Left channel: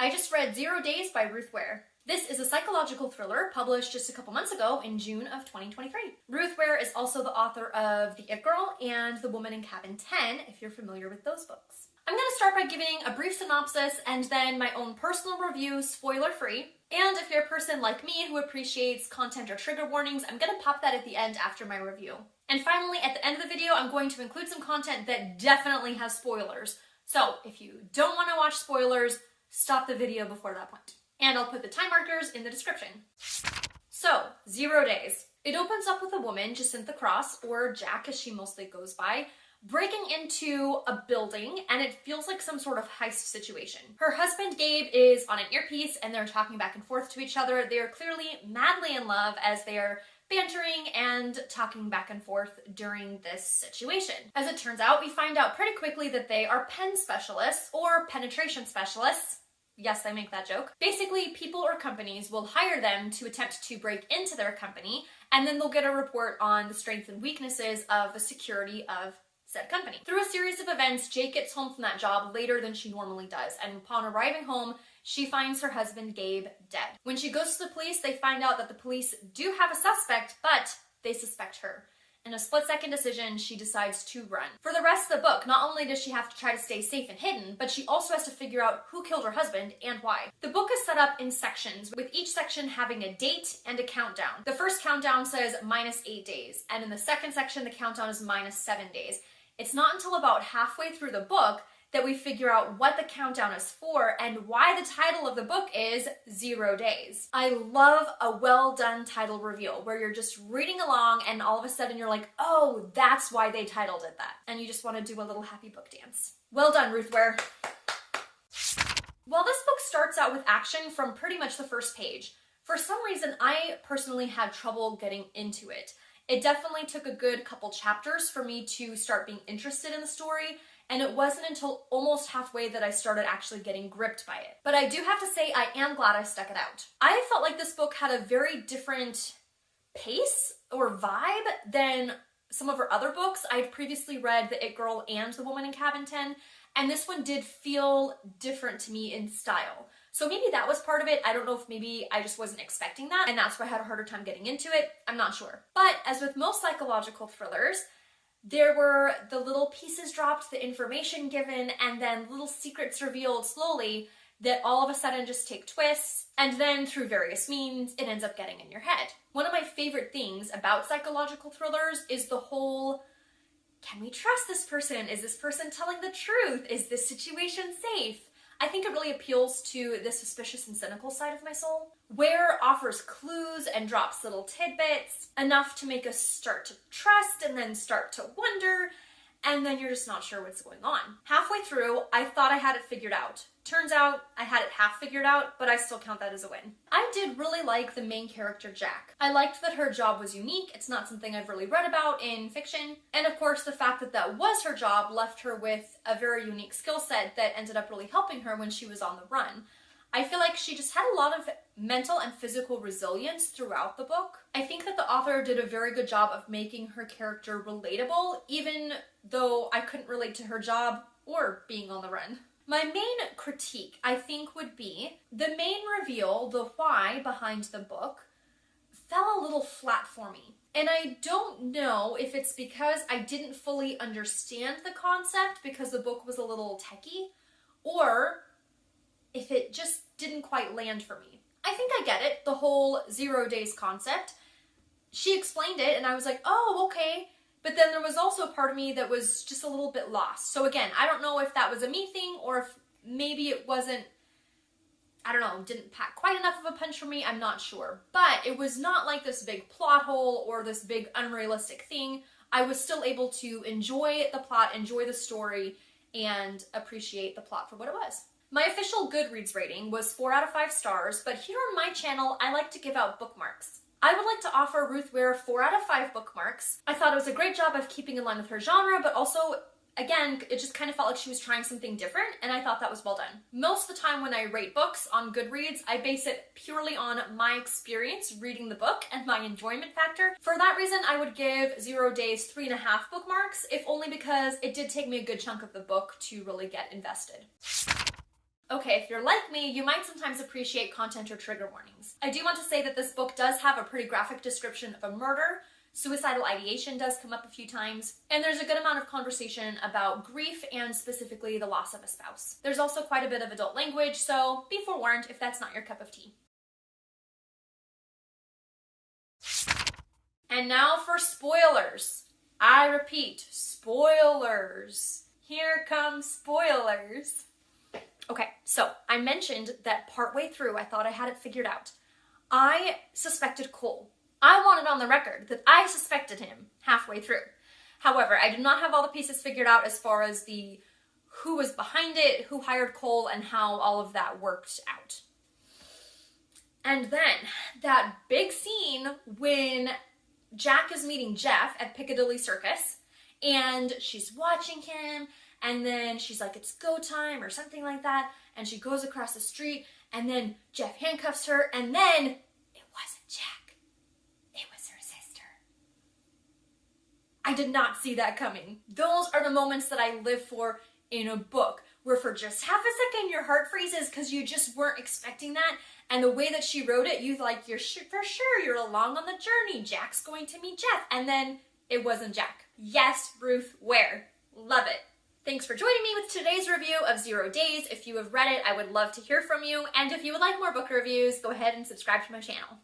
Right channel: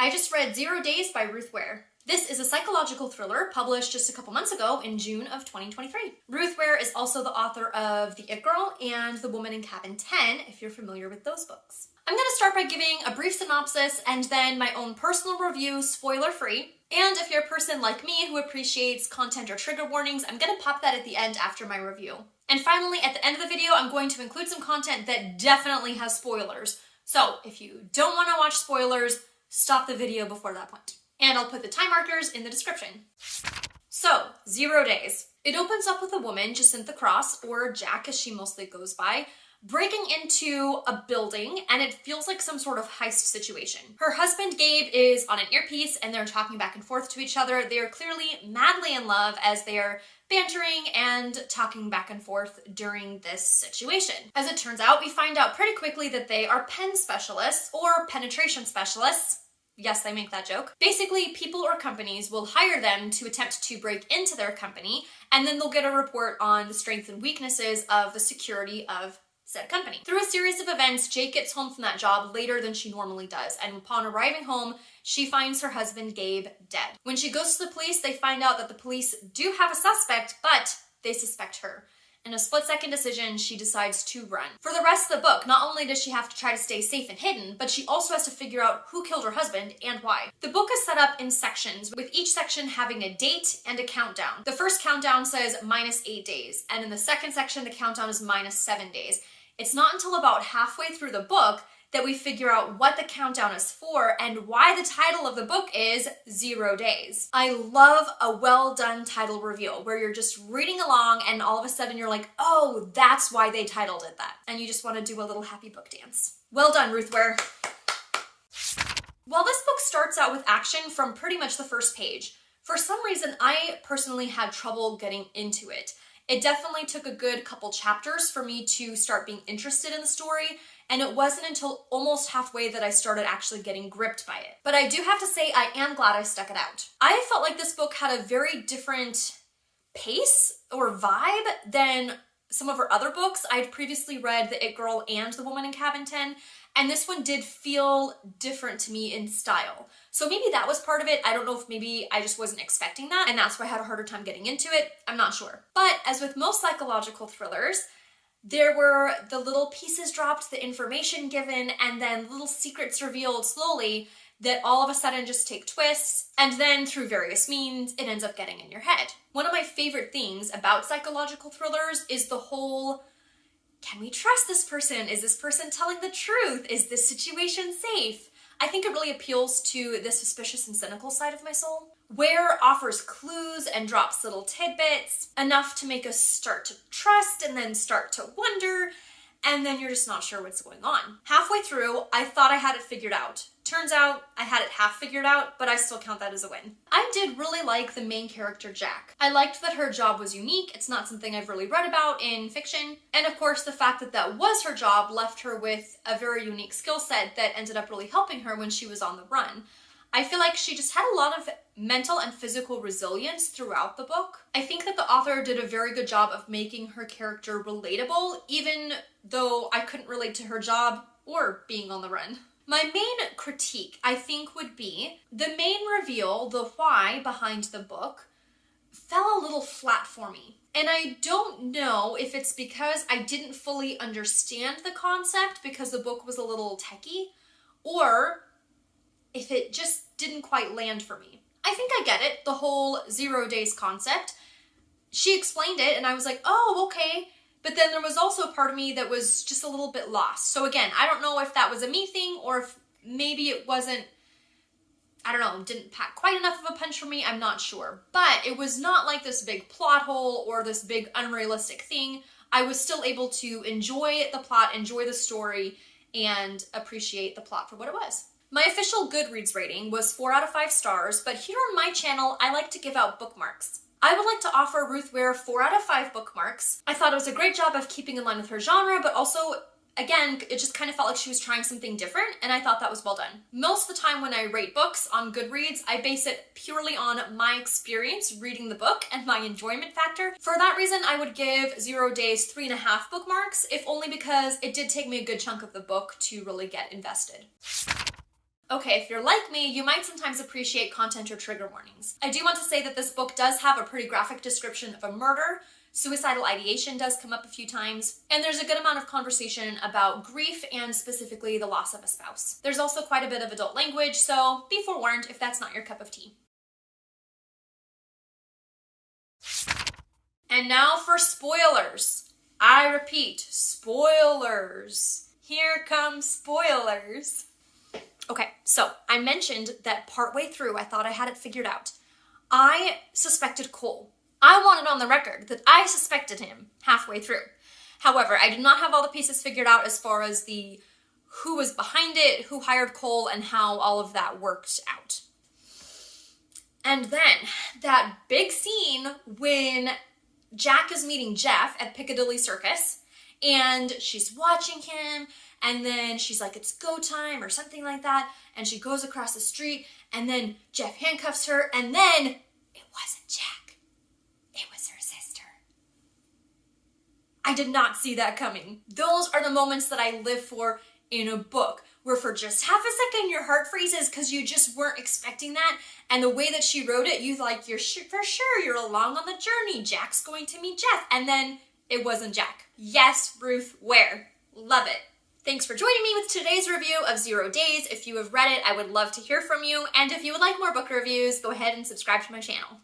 I just read 0 Days by Ruth Ware. This is a psychological thriller published just a couple months ago in June of 2023. Ruth Ware is also the author of The It Girl and The Woman in Cabin 10, if you're familiar with those books. I'm going to start by giving a brief synopsis and then my own personal review, spoiler-free. And if you're a person like me who appreciates content or trigger warnings, I'm going to pop that at the end after my review. And finally, at the end of the video, I'm going to include some content that definitely has spoilers. So if you don't want to watch spoilers, stop the video before that point. And I'll put the time markers in the description. So, 0 Days. It opens up with a woman, Jacintha Cross, or Jack as she mostly goes by, breaking into a building, and it feels like some sort of heist situation. Her husband, Gabe, is on an earpiece, and they're talking back and forth to each other. They are clearly madly in love as they are bantering and talking back and forth during this situation. As it turns out, we find out pretty quickly that they are pen specialists, or penetration specialists. Yes, I make that joke. Basically, people or companies will hire them to attempt to break into their company, and then they'll get a report on the strengths and weaknesses of the security of said company. Through a series of events, Jake gets home from that job later than she normally does, and upon arriving home, she finds her husband, Gabe, dead. When she goes to the police, they find out that the police do have a suspect, but they suspect her. In a split-second decision, she decides to run. For the rest of the book, not only does she have to try to stay safe and hidden, but she also has to figure out who killed her husband and why. The book is set up in sections, with each section having a date and a countdown. The first countdown says -8 days, and in the second section, the countdown is -7 days. It's not until about halfway through the book that we figure out what the countdown is for and why the title of the book is 0 Days. I love a well-done title reveal where you're just reading along and all of a sudden you're like, oh, that's why they titled it that. And you just want to do a little happy book dance. Well done, Ruth Ware. While this book starts out with action from pretty much the first page, for some reason I personally had trouble getting into it. It definitely took a good couple chapters for me to start being interested in the story, and it wasn't until almost halfway that I started actually getting gripped by it. But I do have to say I am glad I stuck it out. I felt like this book had a very different pace or vibe than some of her other books. I'd previously read The It Girl and The Woman in Cabin 10, and this one did feel different to me in style. So maybe that was part of it. I don't know if maybe I just wasn't expecting that, and that's why I had a harder time getting into it. I'm not sure. But as with most psychological thrillers, there were the little pieces dropped, the information given, and then little secrets revealed slowly that all of a sudden just take twists, and then through various means, it ends up getting in your head. One of my favorite things about psychological thrillers is the whole, can we trust this person? Is this person telling the truth? Is this situation safe? I think it really appeals to the suspicious and cynical side of my soul. Ware offers clues and drops little tidbits, enough to make us start to trust and then start to wonder, and then you're just not sure what's going on. Halfway through, I thought I had it figured out. Turns out I had it half figured out, but I still count that as a win. I did really like the main character, Jack. I liked that her job was unique. It's not something I've really read about in fiction. And of course, the fact that that was her job left her with a very unique skill set that ended up really helping her when she was on the run. I feel like she just had a lot of mental and physical resilience throughout the book. I think that the author did a very good job of making her character relatable, even though I couldn't relate to her job or being on the run. My main critique, I think, would be the main reveal, the why behind the book, fell a little flat for me. And I don't know if it's because I didn't fully understand the concept because the book was a little techie, or if it just didn't quite land for me. I think I get it, the whole 0 Days concept. She explained it and I was like, oh, okay. But then there was also a part of me that was just a little bit lost. So again, I don't know if that was a me thing or if maybe it wasn't, I don't know, didn't pack quite enough of a punch for me, I'm not sure. But it was not like this big plot hole or this big unrealistic thing. I was still able to enjoy the plot, enjoy the story, and appreciate the plot for what it was. My official Goodreads rating was 4 out of 5 stars, but here on my channel, I like to give out bookmarks. I would like to offer Ruth Ware 4 out of 5 bookmarks. I thought it was a great job of keeping in line with her genre, but also, again, it just kind of felt like she was trying something different, and I thought that was well done. Most of the time when I rate books on Goodreads, I base it purely on my experience reading the book and my enjoyment factor. For that reason, I would give 0 Days 3.5 bookmarks, if only because it did take me a good chunk of the book to really get invested. Okay, if you're like me, you might sometimes appreciate content or trigger warnings. I do want to say that this book does have a pretty graphic description of a murder. Suicidal ideation does come up a few times, and there's a good amount of conversation about grief and specifically the loss of a spouse. There's also quite a bit of adult language, so be forewarned if that's not your cup of tea. And now for spoilers. I repeat, spoilers. Here come spoilers. Okay, so I mentioned that partway through I thought I had it figured out. I suspected Cole. I want it on the record that I suspected him halfway through. However, I did not have all the pieces figured out as far as the who was behind it, who hired Cole, and how all of that worked out. And then that big scene when Jack is meeting Jeff at Piccadilly Circus, and she's watching him, and then she's like, it's go time, or something like that, and she goes across the street, and then Jeff handcuffs her, and then it wasn't Jack. It was her sister. I did not see that coming. Those are the moments that I live for in a book, where for just half a second your heart freezes because you just weren't expecting that, and the way that she wrote it, you like, you're for sure, you're along on the journey. Jack's going to meet Jeff, and then it wasn't Jack. Yes, Ruth Ware. Love it. Thanks for joining me with today's review of 0 Days. If you have read it, I would love to hear from you, and if you would like more book reviews, go ahead and subscribe to my channel.